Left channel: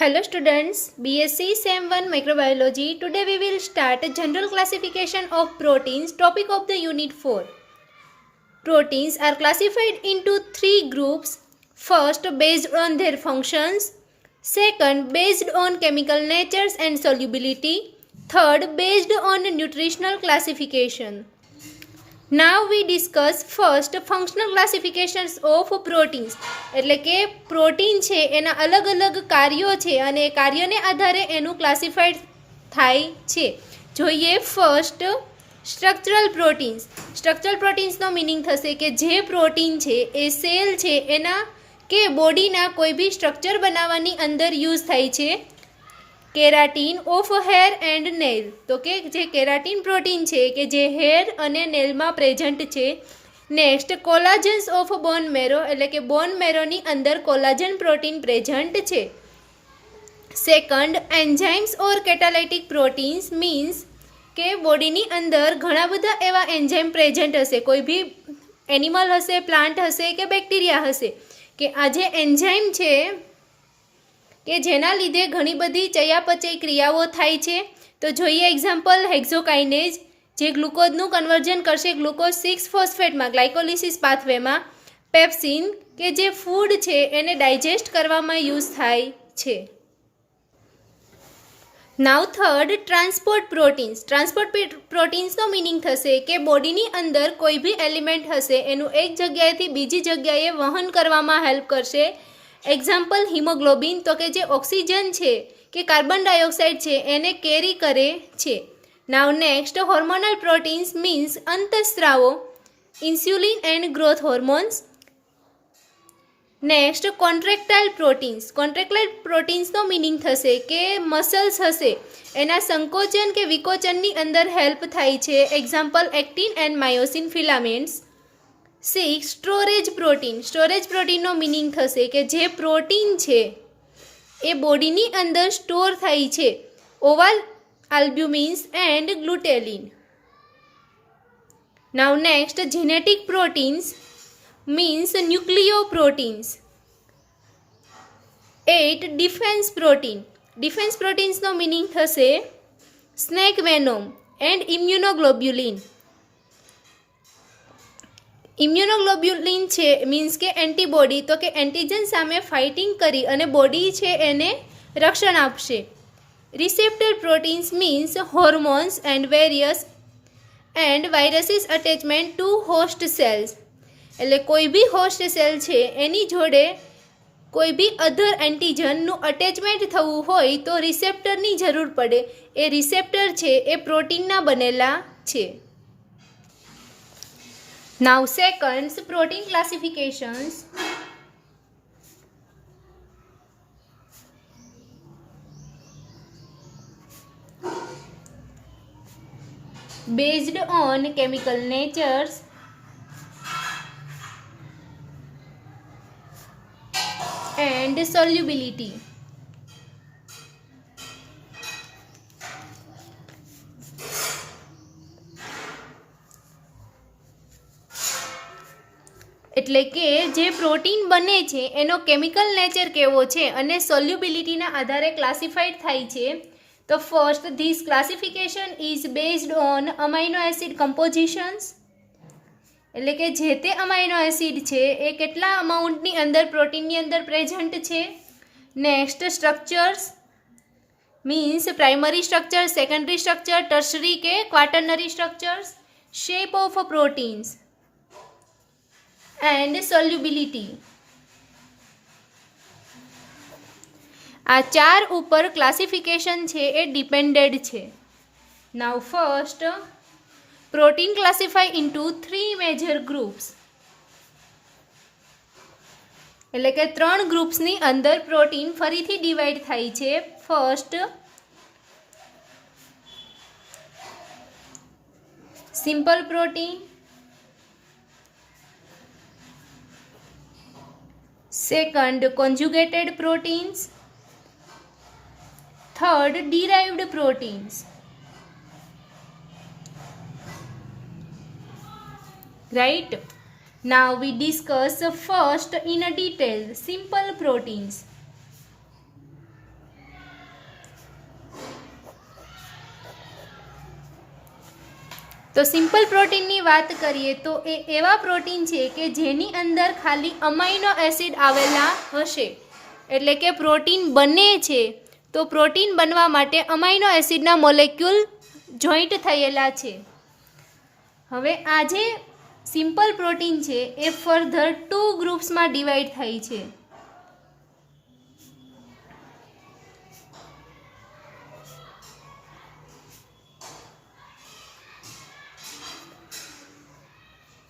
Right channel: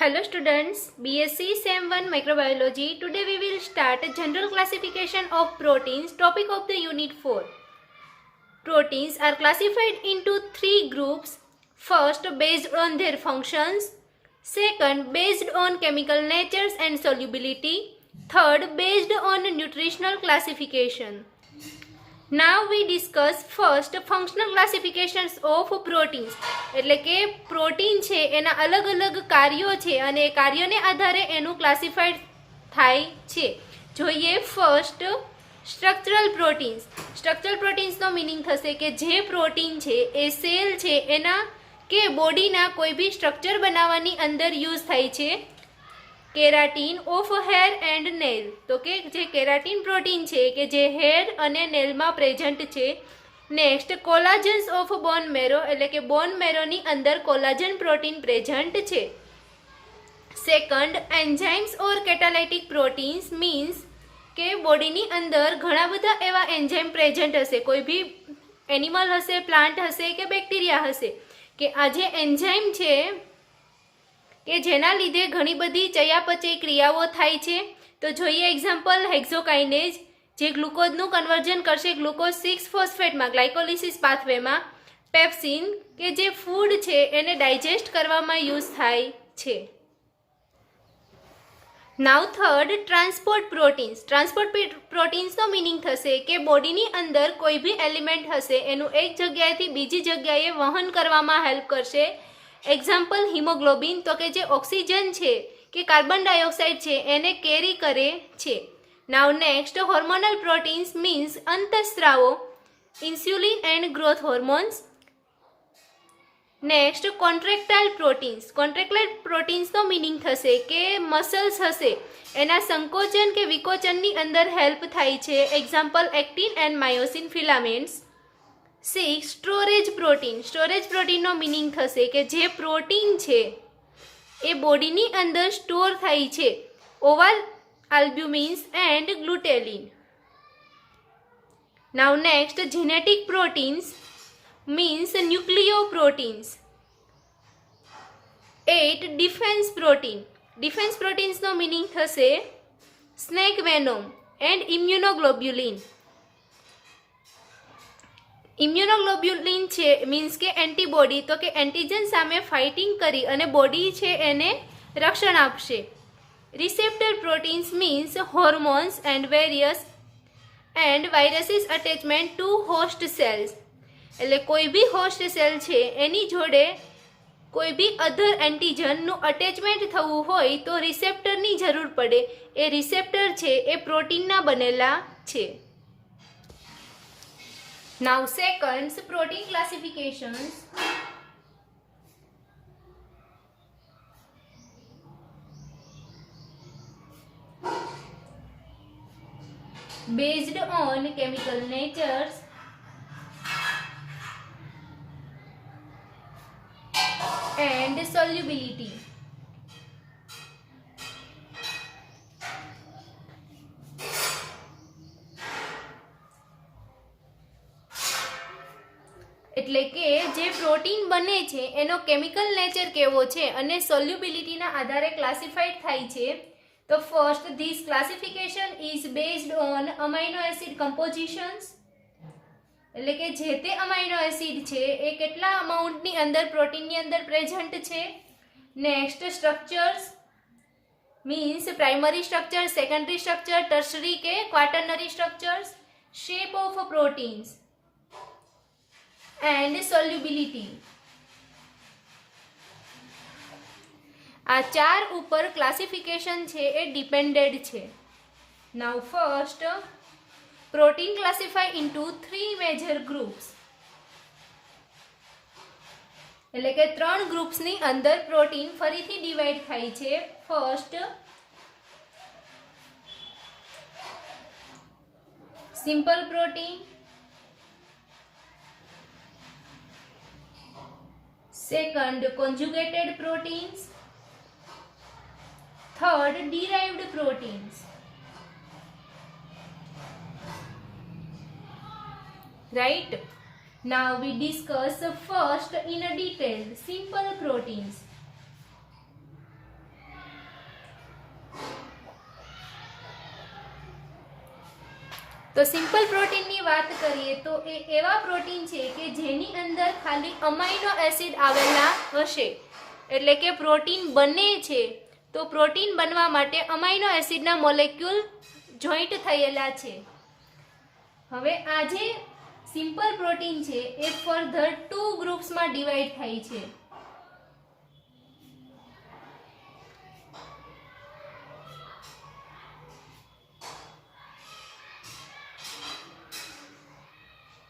Hello students, BSc Sem 1 Microbiology. Today we will start a general classification of proteins, topic of the unit 4. Proteins are classified into three groups. First, based on their functions. Second, based on chemical natures and solubility. Third, based on nutritional classification. Now we discuss first functional classifications of proteins. એટલે કે protein છે એના અલગ અલગ કાર્યો છે અને કાર્યને આધારે એનું ક્લાસિફાઈડ થાય છે. જોઈએ ફર્સ્ટ સ્ટ્રક્ચરલ પ્રોટીન્સ. સ્ટ્રક્ચરલ પ્રોટીન્સનો મિનિંગ થશે કે જે પ્રોટીન છે એ સેલ છે એના કે બોડીના કોઈ બી સ્ટ્રક્ચર બનાવવાની અંદર યુઝ થાય છે. Keratin of hair and nail, તો કે જે કેરાટીન પ્રોટીન છે કે જે હેર અને નેલમાં પ્રેઝન્ટ છે. નેક્સ્ટ કોલાજન્સ ઓફ બોન મેરો, એટલે કે બોન મેરોની અંદર કોલાજન પ્રોટીન પ્રેઝન્ટ છે. સેકન્ડ, એન્ઝાઇમ્સ ઓર કેટાલાઇટિક પ્રોટીન્સ મીન્સ કે બોડીની અંદર ઘણા બધા એવા એન્ઝાઇમ પ્રેઝન્ટ હશે, કોઈ બી એનિમલ હશે, પ્લાન્ટ હશે કે બેક્ટેરિયા હશે, કે આ જે એન્ઝાઇમ છે કે જેના લીધે ઘણી બધી ચયાપચય ક્રિયાઓ થાય છે. તો જોઈએ એક્ઝામ્પલ હેક્ઝોકાઇનેઝ, જે ગ્લુકોઝનું કન્વર્ઝન કરશે ગ્લુકોઝ 6 ફોસ્ફેટમાં ગ્લાયકોલિસિસ પાથવેમાં. પેપ્સિન, કે જે ફૂડ છે એને ડાયજેસ્ટ કરવામાં યુઝ થાય છે. Now third, transport proteins. Transport પ્રોટીન્સનો મિનિંગ થશે કે બોડીની અંદર કોઈ બી એલિમેન્ટ હશે એનું એક જગ્યાએથી બીજી જગ્યાએ વહન કરવામાં હેલ્પ કરશે. એક્ઝામ્પલ હિમોગ્લોબિન, તો કે જે ઓક્સિજન છે કે કાર્બન ડાયોક્સાઇડ છે એને કેરી કરે છે. Now next, hormonal proteins means અંતઃસ્રાવો, insulin and growth hormones. Next, contractile proteins. Contractile પ્રોટીન્સનો મિનિંગ થશે કે મસલ્સ હશે એના સંકોચન કે વિકોચનની અંદર હેલ્પ થાય છે. Example actin and myosin filaments. 6. Storage protein. Storage પ્રોટીનનો મિનિંગ થશે કે જે પ્રોટીન છે એ બોડીની અંદર સ્ટોર થાય છે. Ovalbumins and glutelin. Now next, genetic proteins means nucleo proteins. 8. Defence protein. Defence પ્રોટીન્સનો મિનિંગ થશે snake venom and immunoglobulin. Immunoglobulin છે મીન્સ કે એન્ટીબોડી, તો કે એન્ટીજન સામે ફાઇટિંગ કરી અને બોડી છે એને રક્ષણ આપશે. Receptor proteins means hormones and various and viruses attachment to host cells. એટલે કોઈ બી હોસ્ટ સેલ છે એની જોડે કોઈ બી અધર એન્ટીજનનું અટેચમેન્ટ થવું હોય તો રિસેપ્ટરની જરૂર પડે. એ રિસેપ્ટર છે એ પ્રોટીનના બનેલા છે. Now second, protein classifications. Based on chemical natures and solubility. એટલે કે જે પ્રોટીન બને છે એનો કેમિકલ નેચર કેવો છે અને સોલ્યુબિલિટીના આધારે ક્લાસિફાઈડ થાય છે. તો first, this classification is based on amino acid compositions, એટલે કે જે તે અમાઇનો એસિડ છે એ કેટલા અમાઉન્ટની અંદર પ્રોટીનની અંદર પ્રેઝન્ટ છે. Next, structures means primary structure, secondary structure, tertiary કે quaternary structures. Shape of proteins and solubility. આ ચાર ઉપર ક્લાસિફિકેશન છે એ ડિપેન્ડેડ છે. Now first, protein classify into 3 major groups, એટલે કે 3 ગ્રુપ્સની અંદર પ્રોટીન ફરીથી ડિવાઈડ થાય છે. First, simple protein. Second, conjugated proteins. Third, derived proteins. Right? Now we discuss first in a detail simple proteins. તો સિમ્પલ પ્રોટીનની વાત કરીએ તો એ એવા પ્રોટીન છે કે જેની અંદર ખાલી અમાઇનો એસિડ આવેલા હશે, એટલે કે પ્રોટીન બને છે તો પ્રોટીન બનવા માટે અમાઇનો એસિડના મોલેક્યુલ જોઈન્ટ થયેલા છે. હવે આ જે સિમ્પલ પ્રોટીન છે એ ફર્ધર 2 ગ્રુપ્સમાં ડિવાઈડ થઈ છે.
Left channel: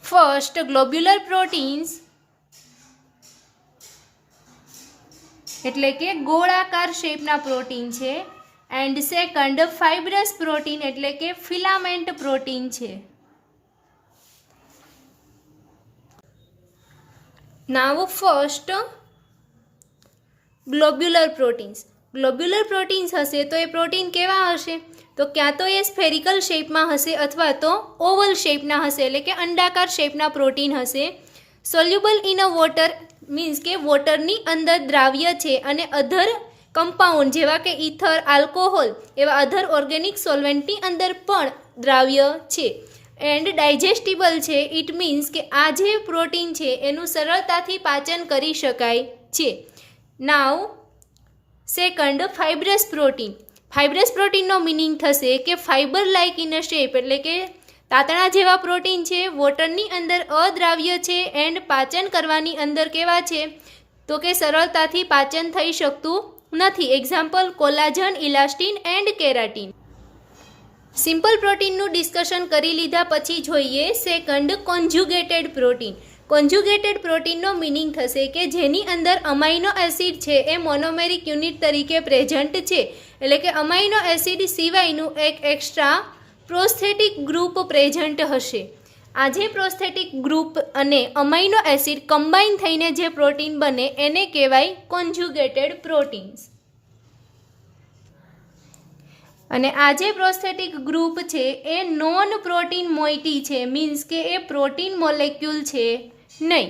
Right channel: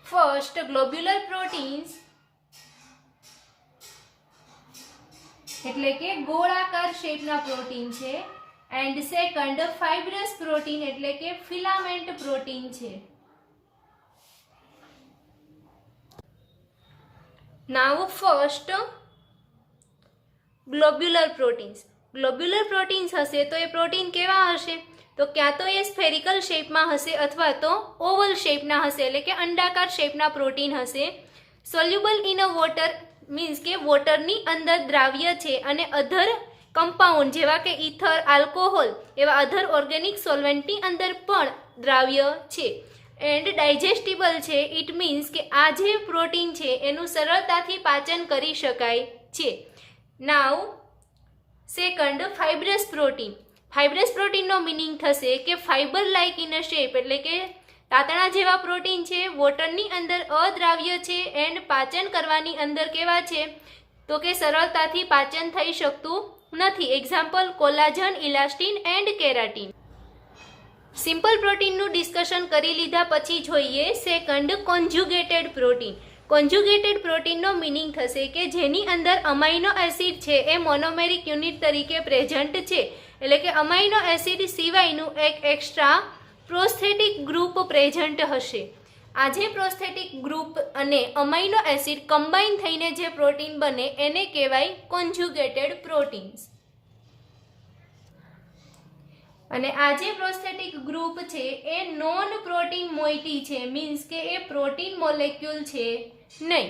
ફર્સ્ટ ગ્લોબ્યુલર પ્રોટીન્સ એટલે કે ગોળાકાર શેપના પ્રોટીન છે, એન્ડ સેકન્ડ ફાઇબ્રસ પ્રોટીન એટલે કે ફિલામેન્ટ પ્રોટીન છે. Now first globular proteins. Globular proteins હશે તો એ પ્રોટીન કેવા હશે? તો ક્યાં તો એ સ્ફેરિકલ શેપમાં હશે અથવા તો ઓવલ શેપના હશે, એટલે કે અંડાકાર શેપના પ્રોટીન હશે. Soluble in a water means કે વોટરની અંદર દ્રાવ્ય છે અને અધર કમ્પાઉન્ડ જેવા કે ઇથર, આલ્કોહોલ એવા અધર ઓર્ગેનિક સોલ્વેન્ટની અંદર પણ દ્રાવ્ય છે. એન્ડ ડાયજેસ્ટિબલ છે. ઇટ મીન્સ કે આ જે પ્રોટીન છે એનું સરળતાથી પાચન કરી શકાય છે. નાવ second fibrous protein. Fibrous પ્રોટીનનો meaning થશે કે fibre like in a shape, એટલે કે તાતણા જેવા પ્રોટીન છે, વોટરની અંદર અદ્રાવ્ય છે એન્ડ પાચન કરવાની અંદર કેવા છે તો કે સરળતાથી પાચન થઈ શકતું નથી. Example collagen, elastin and keratin. Simple પ્રોટીનનું ડિસ્કશન કરી લીધા પછી જોઈએ સેકન્ડ કોન્જ્યુગેટેડ પ્રોટીન. કોન્જ્યુગેટેડ પ્રોટીનનો મિનિંગ થશે કે જેની અંદર અમાઇનો એસિડ છે એ મોનોમેરિક યુનિટ તરીકે પ્રેઝન્ટ છે, એટલે કે અમાઇનો એસિડ સિવાયનું એક એક્સ્ટ્રા પ્રોસ્થેટિક ગ્રુપ પ્રેઝન્ટ હશે. આ જે પ્રોસ્થેટિક ગ્રુપ અને અમાઇનો એસિડ કમ્બાઈન થઈને જે પ્રોટીન બને એને કહેવાય કોન્જ્યુગેટેડ પ્રોટીન્સ. અને આ જે પ્રોસ્થેટિક ગ્રુપ છે એ નોન પ્રોટીન મોઇટી છે, મીન્સ કે એ પ્રોટીન મોલેક્યુલ છે નહીં.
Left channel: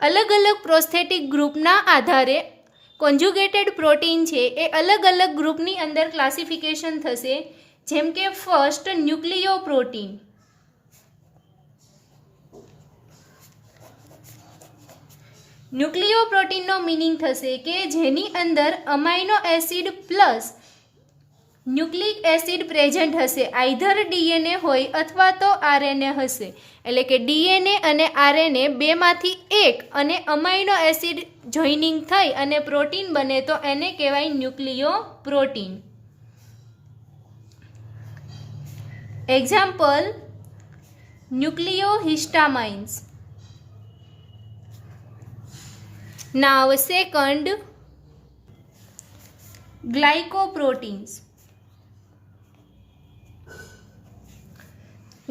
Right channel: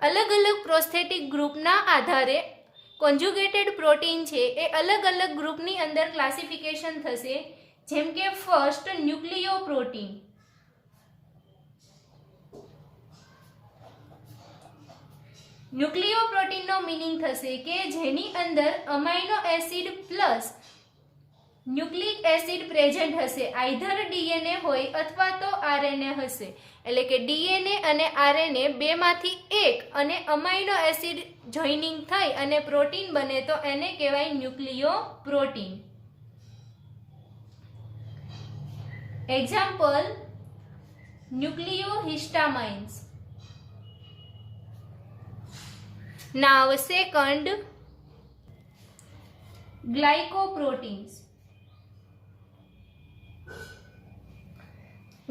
અલગ અલગ પ્રોસ્થેટિક ગ્રુપના આધારે કોન્જ્યુગેટેડ પ્રોટીન છે એ અલગ અલગ ગ્રુપની અંદર ક્લાસિફિકેશન થશે. જેમ કે ફર્સ્ટ ન્યુક્લિયો પ્રોટીન. ન્યુક્લિયો પ્રોટીનનો મિનિંગ થશે કે જેની અંદર amino acid plus nucleic acid present હશે. આઈધર ડીએનએ હોય અથવા તો આરએનએ હશે, એટલે કે ડીએનએ અને આરએનએ બેમાંથી એક અને અમાઇનો એસિડ જોઈનિંગ થઈ અને પ્રોટીન બને તો એને કહેવાય ન્યુક્લિયો પ્રોટીન. એક્ઝામ્પલ ન્યુક્લિયોહિસ્ટામાઇન્સ. નાવ સેકન્ડ ગ્લાયકોપ્રોટીન્સ.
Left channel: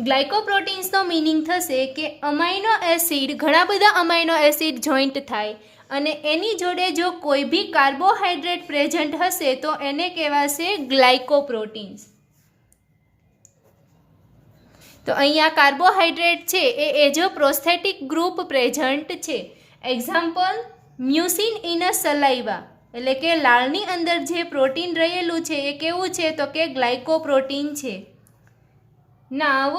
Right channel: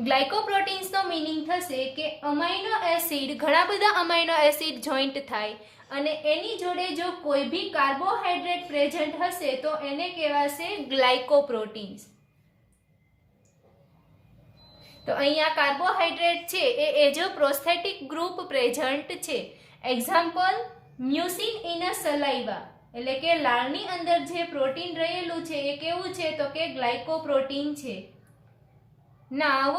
ગ્લાયકોપ્રોટીન્સનો મિનિંગ થશે કે અમાઇનો એસિડ, ઘણા બધા અમાઇનો એસિડ જોઈન્ટ થાય અને એની જોડે જો કોઈ બી કાર્બોહાઈડ્રેટ પ્રેઝન્ટ હશે તો એને કહેવાશે ગ્લાયકોપ્રોટીન્સ. તો અહીંયા કાર્બોહાઈડ્રેટ છે એ as a prosthetic group present છે. એક્ઝામ્પલ મ્યુસિન ઇન અ સલાઇવા, એટલે કે લાળની અંદર જે પ્રોટીન રહેલું છે એ કેવું છે તો કે ગ્લાયકોપ્રોટીન છે. નાવ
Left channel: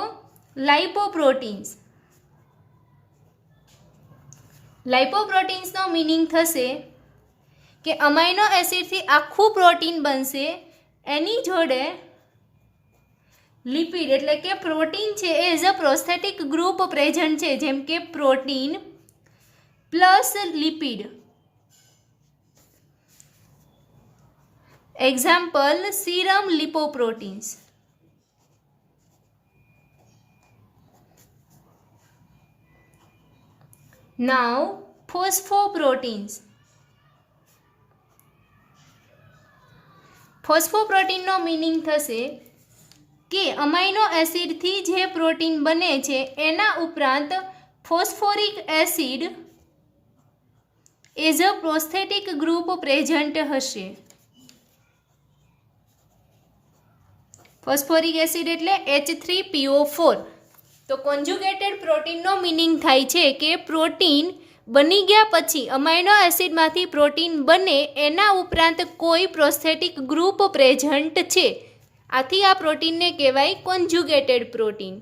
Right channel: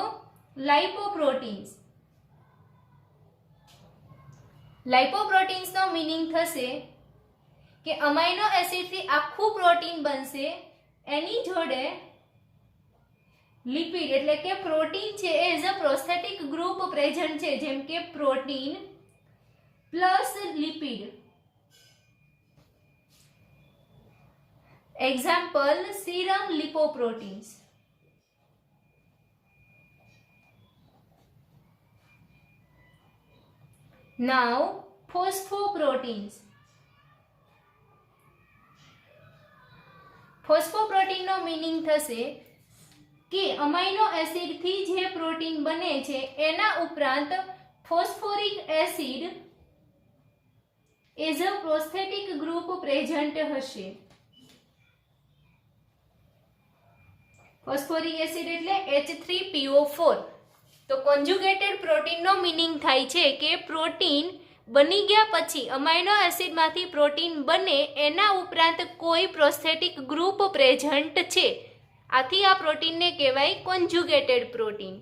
લાઇપોપ્રોટીન્સ. લાઇપોપ્રોટીન્સનો મિનિંગ થશે કે અમાઇનો એસિડથી આખું પ્રોટીન બનશે, એની જોડે લિપિડ એટલે કે પ્રોટીન છે એ as a prosthetic group present છે, જેમ કે protein plus lipid. Example serum lipoproteins. Now phosphoproteins. ફોસ્ફોપ્રોટીનનો મિનિંગ થશે કે અમાઇનો એસિડથી જે પ્રોટીન બને છે એના ઉપરાંત phosphoric acid as a prosthetic group present હશે. ફોસ્ફોરિક એસિડ એટલે H3PO4. તો કોન્જ્યુગેટેડ પ્રોટીનનો મિનિંગ થાય છે કે પ્રોટીન બની ગયા પછી અમાઇનો એસિડમાંથી પ્રોટીન બને એના ઉપરાંત કોઈ પ્રોસ્થેટિક ગ્રુપ પ્રેઝન્ટ છે. આથી આ પ્રોટીનને કહેવાય કોન્જ્યુગેટેડ પ્રોટીન.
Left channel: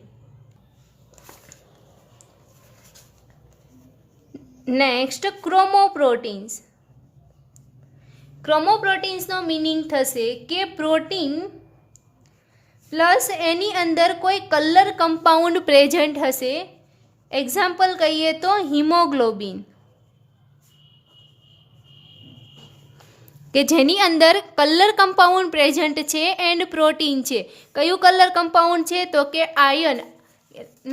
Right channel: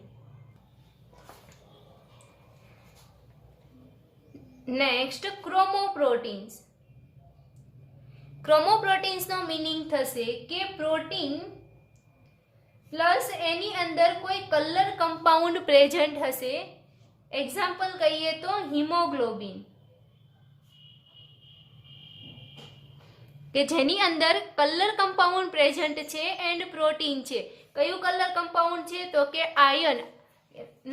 નેક્સ્ટ ક્રોમોપ્રોટીન્સ. ક્રોમોપ્રોટીન્સનો મિનિંગ થશે કે પ્રોટીન પ્લસ એની અંદર કોઈ કલર કમ્પાઉન્ડ પ્રેઝન્ટ હશે. એક્ઝામ્પલ કહીએ તો હિમોગ્લોબિન, કે જેની અંદર કલર કમ્પાઉન્ડ પ્રેઝન્ટ છે એન્ડ પ્રોટીન છે. કયું કલર કમ્પાઉન્ડ છે? તો કે આયર્ન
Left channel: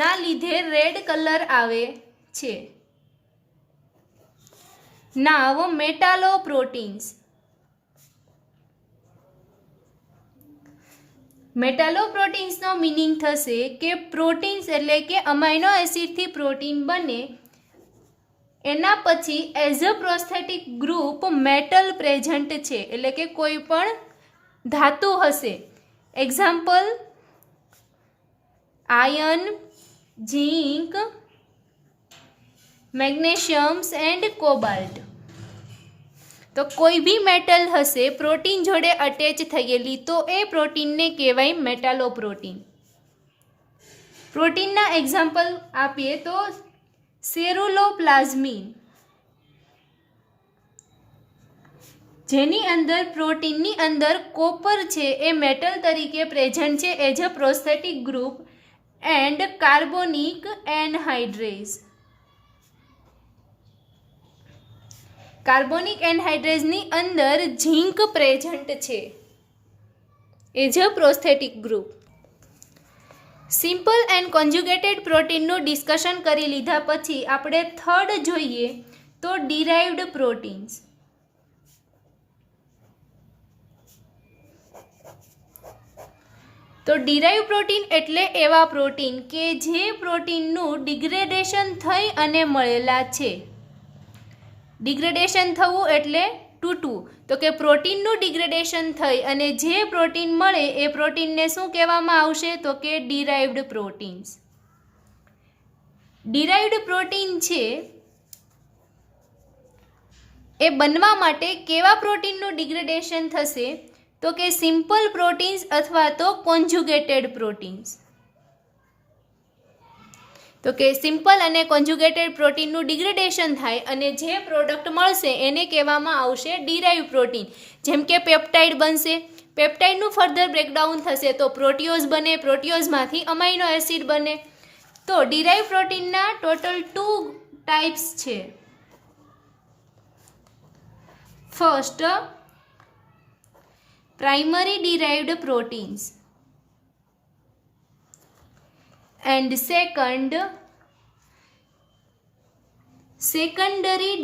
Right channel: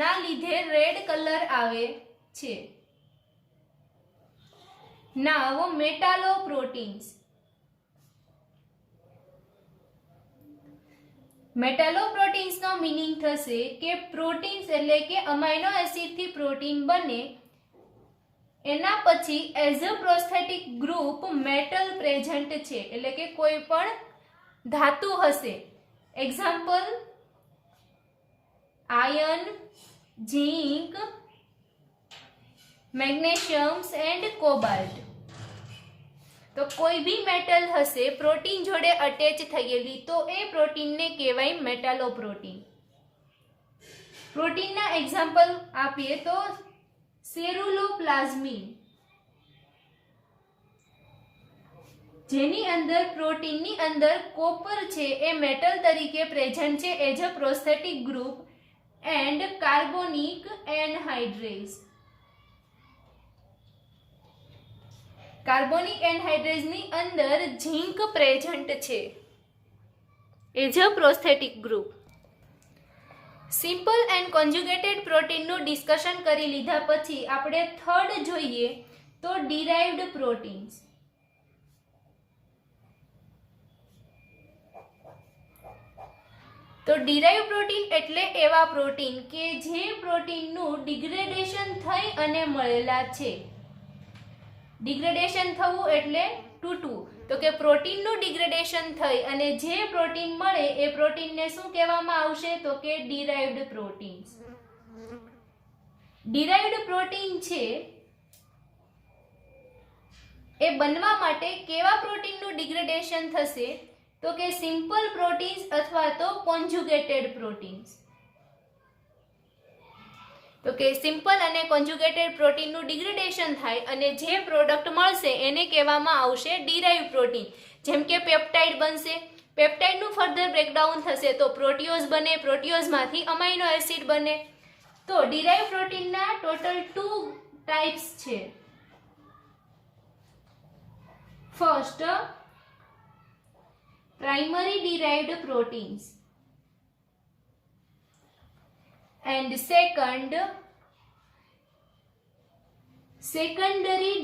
ના લીધે રેડ કલર આવે છે. નાવ મેટાલોપ્રોટીન્સ. મેટાલોપ્રોટીન્સનો મિનિંગ થશે કે પ્રોટીન્સ એટલે કે અમાઇનો એસિડથી પ્રોટીન બને એના પછી as a prosthetic group metal present છે, એટલે કે કોઈ પણ ધાતુ હશે. Example iron, zinc, magnesiums and cobalt. તો કોઈ બી મેટલ હશે પ્રોટીન જોડે અટેચ થયેલી તો એ પ્રોટીનને કહેવાય મેટાલોપ્રોટીન. પ્રોટીનના એક્ઝામ્પલ આપીએ તો સેરુલોપ્લાઝમિન, જેની અંદર પ્રોટીનની અંદર કોપર છે એ મેટલ તરીકે પ્રેઝન્ટ છે as a prosthetic group and carbonic anhydrase. Carbonic એનહાઇડ્રેઝની અંદર ઝીંક પ્રેઝન્ટ છે as a prosthetic group. Simple and conjugated પ્રોટીનનું ડિસ્કશન કરી લીધા પછી આપણે થર્ડ જોઈએ તો ડિરાઇવ્ડ પ્રોટીન્સ. તો ડિરાઇવ પ્રોટીન એટલે એવા પ્રોટીન કે જે પ્રોટીનનું ડિગ્રેડેશન થઈ અને મળેલા છે. ડિગ્રેડેશન થવું એટલે તૂટવું. તો કે પ્રોટીનનું ડિગ્રેડેશન થઈ અને જે પ્રોટીન મળે એ પ્રોટીનને શું કહેવામાં આવશે? તો કે ડિરાઇવ્ડ પ્રોટીન્સ. ડિરાઇવ્ડ પ્રોટીન છે એ બનવા માટે કેવા પ્રોટીનનું ડિગ્રેડેશન થશે? તો કે સિમ્પલ પ્રોટીન્સ અથવા તો કોન્જ્યુગેટેડ પ્રોટીન્સ. તો કે સિમ્પલ અને કોન્જ્યુગેટેડ પ્રોટીનનું ડિગ્રેડેશન થાય અને જે પ્રોડક્ટ મળશે એને કહેવામાં આવશે ડિરાઇવ પ્રોટીન. જેમ કે પેપ્ટાઇડ બનશે, પેપ્ટાઇડનું ફર્ધર બ્રેકડાઉન થશે તો પ્રોટીઓઝ બને, પ્રોટીઓઝમાંથી અમાઇનો એસિડ બને. તો ડિરાઇવ પ્રોટીનના ટોટલ 2 ટાઈપ્સ છે. First, primary derived proteins and secondary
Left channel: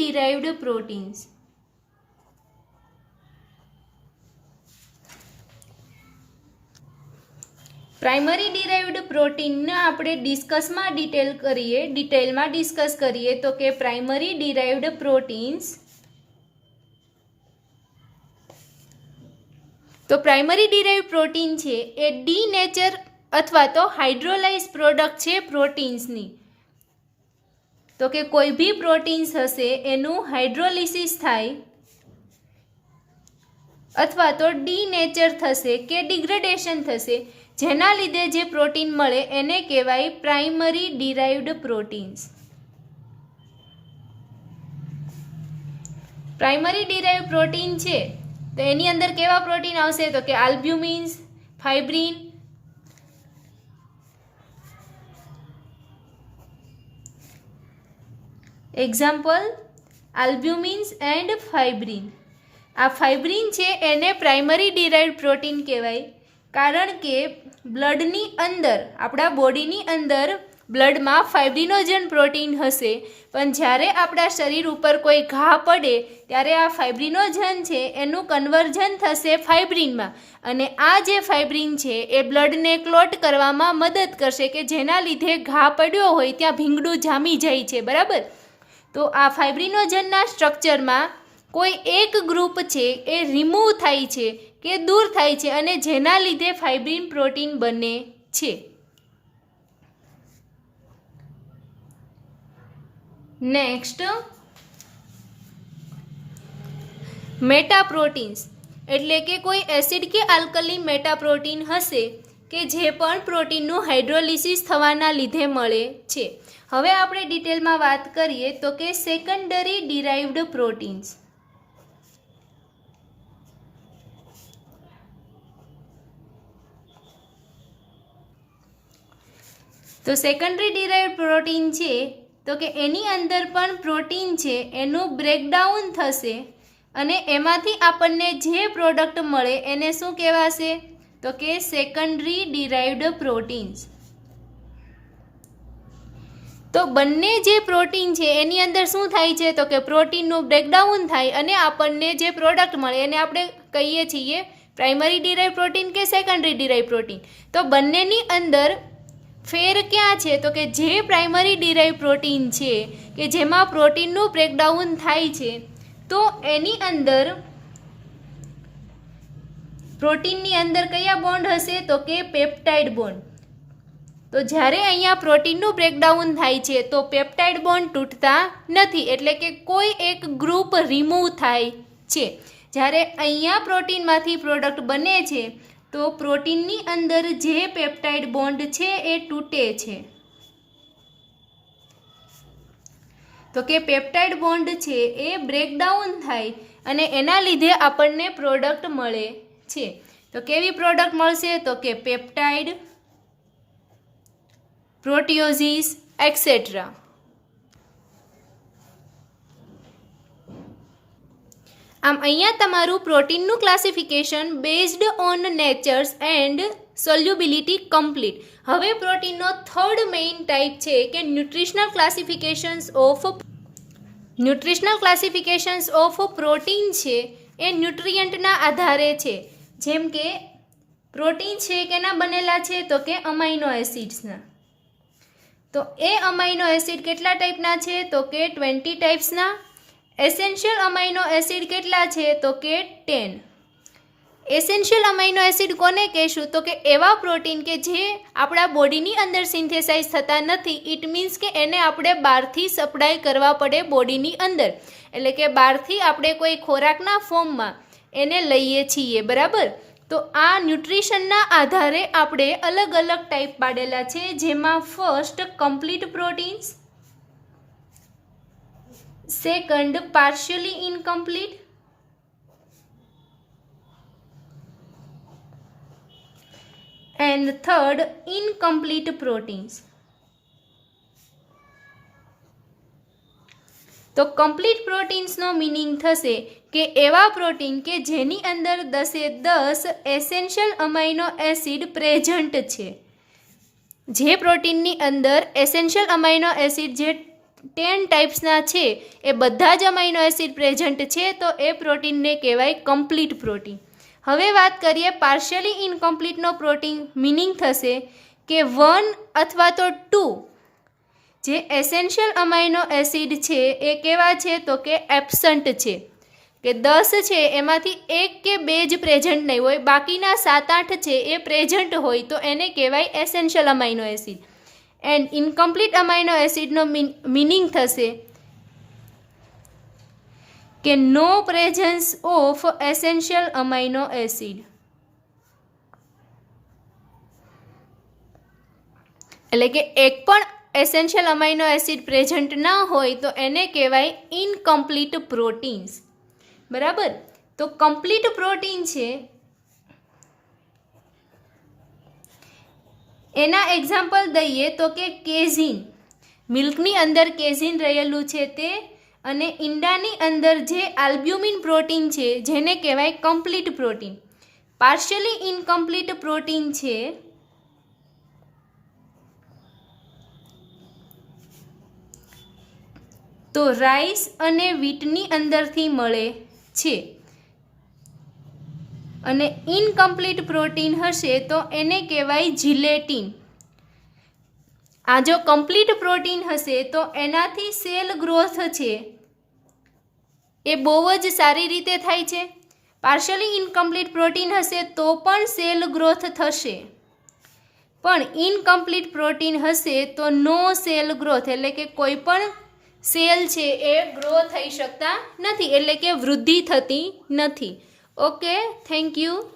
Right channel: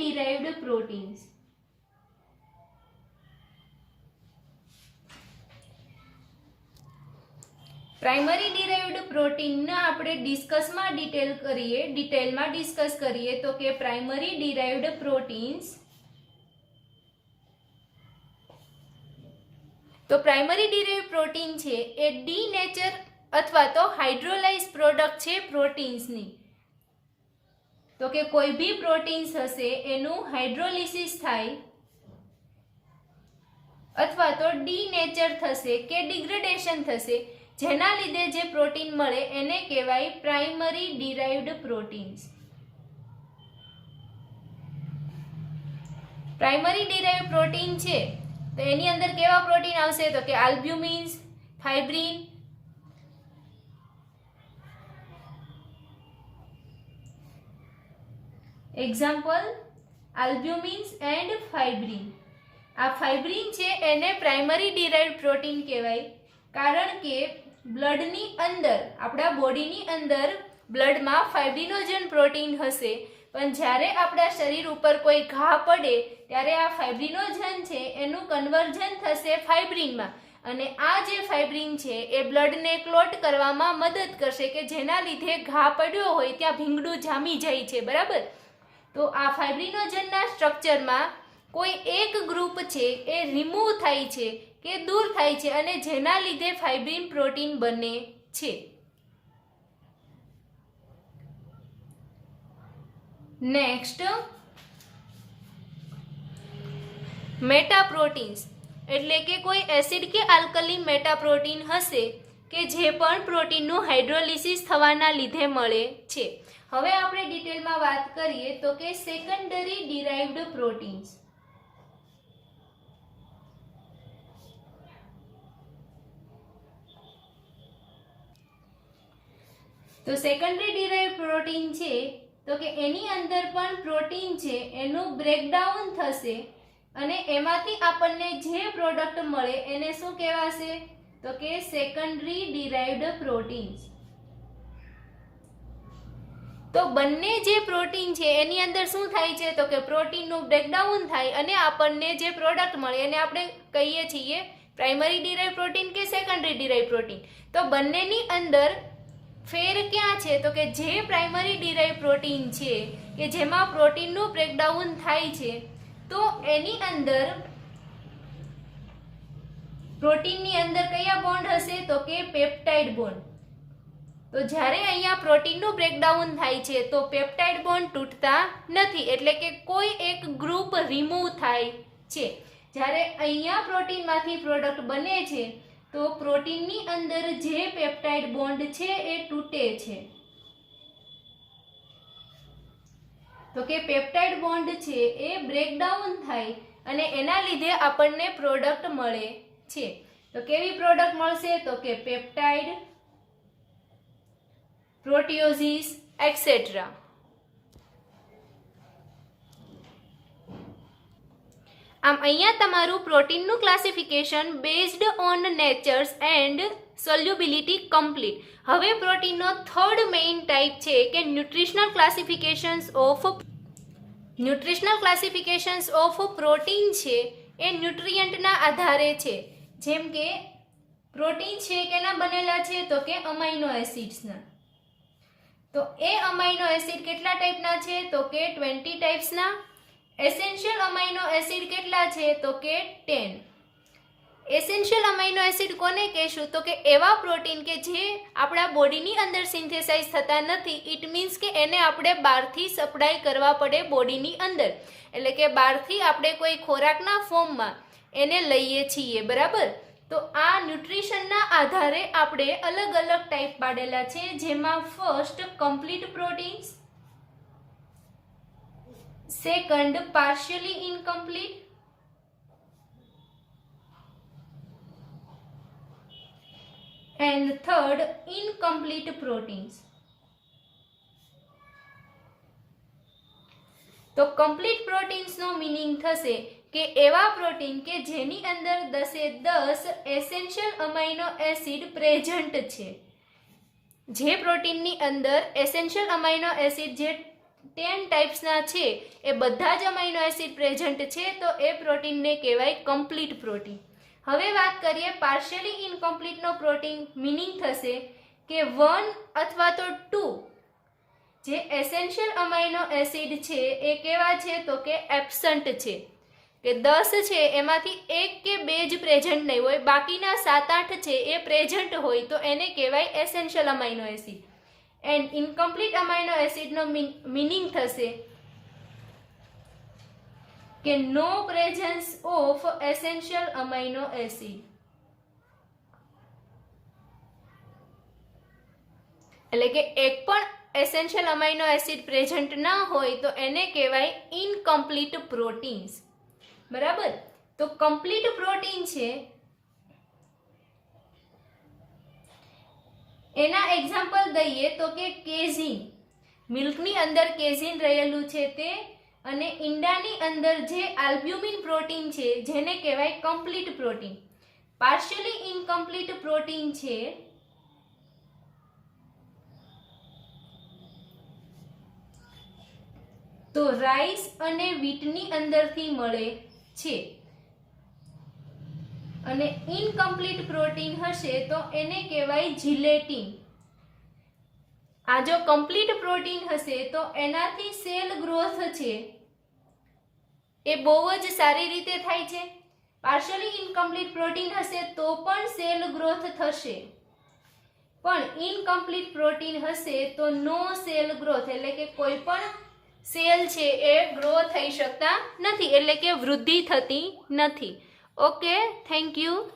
derived proteins. Primary derived પ્રોટીનને આપણે ડિટેલમાં ડિસ્કસ કરીએ તો કે પ્રાઇમરી ડિરાઇવ્ડ પ્રોટીન્સ. તો પ્રાઇમરી ડિરાઇવ્ડ પ્રોટીન છે એ ડીનેચર અથવા તો હાઇડ્રોલાઇઝ પ્રોડક્ટ છે પ્રોટીન્સની. તો કે કોઈ બી પ્રોટીન્સ હશે એનું હાઇડ્રોલિસિસ થાય અથવા તો ડીનેચર થશે કે ડિગ્રેડેશન થશે, જેના લીધે જે પ્રોટીન મળે એને કહેવાય primary derived proteins. Primary derived protein છે તો એની અંદર કેવા પ્રોટીન આવશે? તો કે આલ્બ્યુમિન્સ, ફાઇબ્રિન, એક્ઝામ્પલ આલ્બ્યુમિન્સ એન્ડ ફાઇબ્રિન. આ ફાઇબ્રિન છે એને પ્રાઇમરી ડિરાઇવ્ડ પ્રોટીન કહેવાય કારણ કે બ્લડની અંદર, આપણા બોડીની અંદર બ્લડમાં ફાઇબ્રિનોજન પ્રોટીન હશે, પણ જ્યારે આપણા શરીર ઉપર કોઈ ઘા પડે ત્યારે આ ફાઇબ્રિનોજન છે એનું કન્વર્ઝન થશે ફાઇબ્રિનમાં અને આ જે ફાઇબ્રિન છે એ બ્લડને ક્લોટ કરવામાં મદદ કરશે કે જેના લીધે ઘા પડ્યો હોય ત્યાં ભીંગડું જામી જાય છે. બરાબર? તો આ ફાઇબ્રિનોજનના સ્ટ્રક્ચરમાં કોઈ એક ગ્રુપ છે એ રિમૂવ થાય છે કે દૂર થાય છે અને જેના લીધે ફાઇબ્રિન પ્રોટીન બને છે. નેક્સ્ટ, મેટાપ્રોટીન્સ. એટલે કે કોઈ એસિડ કે આલ્કલી મેટાપ્રોટીન હશે કે જે પણ પ્રોટીનનું હાઇડ્રોલિસિસ થવાના લીધે મળે છે. હવે આપણે ડિટેલમાં વાત કરીએ તો કે સેકન્ડરી ડિરાઇવ્ડ પ્રોટીન્સ. તો સેકન્ડરી ડિરાઇવ્ડ પ્રોટીન છે તો કે એની અંદર પણ પ્રોટીન છે એનું બ્રેકડાઉન થશે અને એમાંથી આપણને જે પ્રોડક્ટ મળે એને શું કહેવાશે તો કે સેકન્ડરી ડિરાઇવ્ડ પ્રોટીન્સ. તો બંને જે પ્રોટીન છે એની અંદર શું થાય છે તો કે પ્રોટીનનું બ્રેકડાઉન થાય અને આપણને જે પ્રોડક્ટ મળે એને આપણે કહીએ છીએ પ્રાઇમરી ડિરાઇવ પ્રોટીન કે સેકન્ડરી ડિરાઇવ પ્રોટીન. તો બંનેની અંદર ફેર ક્યાં છે તો કે જે પ્રાઇમરી ડિરાઇવ પ્રોટીન છે કે જેમાં પ્રોટીનનું બ્રેકડાઉન થાય છે તો એની અંદર પ્રોટીનની અંદર કયા બોન્ડ હશે તો કે પેપ્ટાઇડ બોન્ડ. તો જ્યારે અહીંયા પ્રોટીનનું બ્રેકડાઉન થાય છે તો પેપ્ટાઇડ બોન્ડ તૂટતા નથી એટલે કે કોઈ એક ગ્રુપ રિમૂવ થાય છે. જ્યારે અહીંયા પ્રોટીનમાંથી પ્રોડક્ટ બને છે તો પ્રોટીનની અંદર જે પેપ્ટાઇડ બોન્ડ છે એ તૂટે છે. તો કે પેપ્ટાઇડ બોન્ડ છે એ બ્રેકડાઉન થાય અને એના લીધે આપણને પ્રોડક્ટ મળે છે. તો કેવી પ્રોડક્ટ મળશે તો કે પેપ્ટાઇડ, પ્રોટીઓઝિસ એક્સેટ્રા. આમ અહીંયા તમારું પ્રોટીનનું classification based on natures and solubility complete. હવે પ્રોટીનનો થર્ડ મેઇન ટાઈપ છે કે ન્યુટ્રિશનલ ક્લાસિફિકેશન્સ ઓફ પ્રોટીન છે એ ન્યુટ્રિયન્ટના આધારે છે. જેમ કે પ્રોટીન છે કેના બનેલા છે તો કે અમાઇનો એસિડ્સના. તો એ અમાઇનો એસિડ કેટલા ટાઈપના છે તો કે 20 ટાઈપ્સના. એસેન્શિયલ અમાઇનો એસિડ કેટલા છે તો કે 10. એસેન્શિયલ અમાઇનો એસિડ કોને કહેશું તો કે એવા પ્રોટીન કે જે આપણા બોડીની અંદર સિન્થેસાઇઝ થતા નથી. ઇટ મીન્સ કે એને આપણે બહારથી સપ્લાય કરવા પડે બોડીની અંદર. એટલે કે બહારથી આપણે કોઈ ખોરાકના ફોર્મમાં એને લઈએ છીએ, બરાબર. તો આ ન્યુટ્રિશનના આધારે આપણે અલગ અલગ ટાઈપ પાડેલા છે જેમાં first complete proteins, second partially incomplete, and third incomplete proteins. તો કમ્પ્લીટ પ્રોટીન્સનો મિનિંગ થશે કે એવા પ્રોટીન કે જેની અંદર 10 એસેન્શિયલ અમાઇનો એસિડ પ્રેઝન્ટ છે. જે પ્રોટીનની અંદર એસેન્શિયલ અમાઇનો એસિડ જે 10 ટાઈપ્સના છે એ બધા જ અમાઇનો એસિડ પ્રેઝન્ટ છે તો એ પ્રોટીનને કહેવાય કમ્પ્લીટ પ્રોટીન. હવે વાત કરીએ પાર્શિયલી ઇનકમ્પ્લીટનો પ્રોટીન મિનિંગ થશે કે 1 અથવા તો 2 જે એસેન્શિયલ અમાઇનો એસિડ છે એ કેવા છે તો કે એબ્સન્ટ છે. કે 10 છે એમાંથી 1 કે 2 જ પ્રેઝન્ટ નહીં હોય, બાકીના 7-8 છે એ પ્રેઝન્ટ હોય તો એને કહેવાય essential amino acid. And incomplete amino એસિડનો મિનિંગ થશે કે no presence of essential amino acid. એટલે કે એક પણ એસેન્શિયલ અમાઇનો એસિડ પ્રેઝન્ટ ના હોય તો એને કહેવાય ઇનકમ્પ્લીટ પ્રોટીન્સ, બરાબર. તો કમ્પ્લીટ પ્રોટીન છે એના એક્ઝામ્પલ દઈએ તો કે કેઝીન, મિલ્કની અંદર કેઝીન રહેલું છે તે, અને ઈંડાની અંદર જે આલ્બ્યુમિન પ્રોટીન છે જેને કહેવાય complete protein. Partially incomplete protein છે તો રાઈસ અને વીટની અંદરથી મળે છે. અને ઇનકમ્પ્લીટ પ્રોટીન હશે તો એને કહેવાય જીલેટિન. આ જો કમ્પ્લીટ પ્રોટીન હશે તો એનાથી સેલ ગ્રોથ છે એ બહુ જ સારી રીતે થાય છે. પાર્શિયલી ઇનકમ્પ્લીટ પ્રોટીન હશે તો પણ સેલ ગ્રોથ થશે, પણ ઇનકમ્પ્લીટ પ્રોટીન હશે તો નો સેલ ગ્રોથ, એટલે કે કોઈ પણ સેલ છે એ ગ્રો થઈ શકતા નથી, એટલે કે વૃદ્ધિ થતી નથી. Okay, thank you.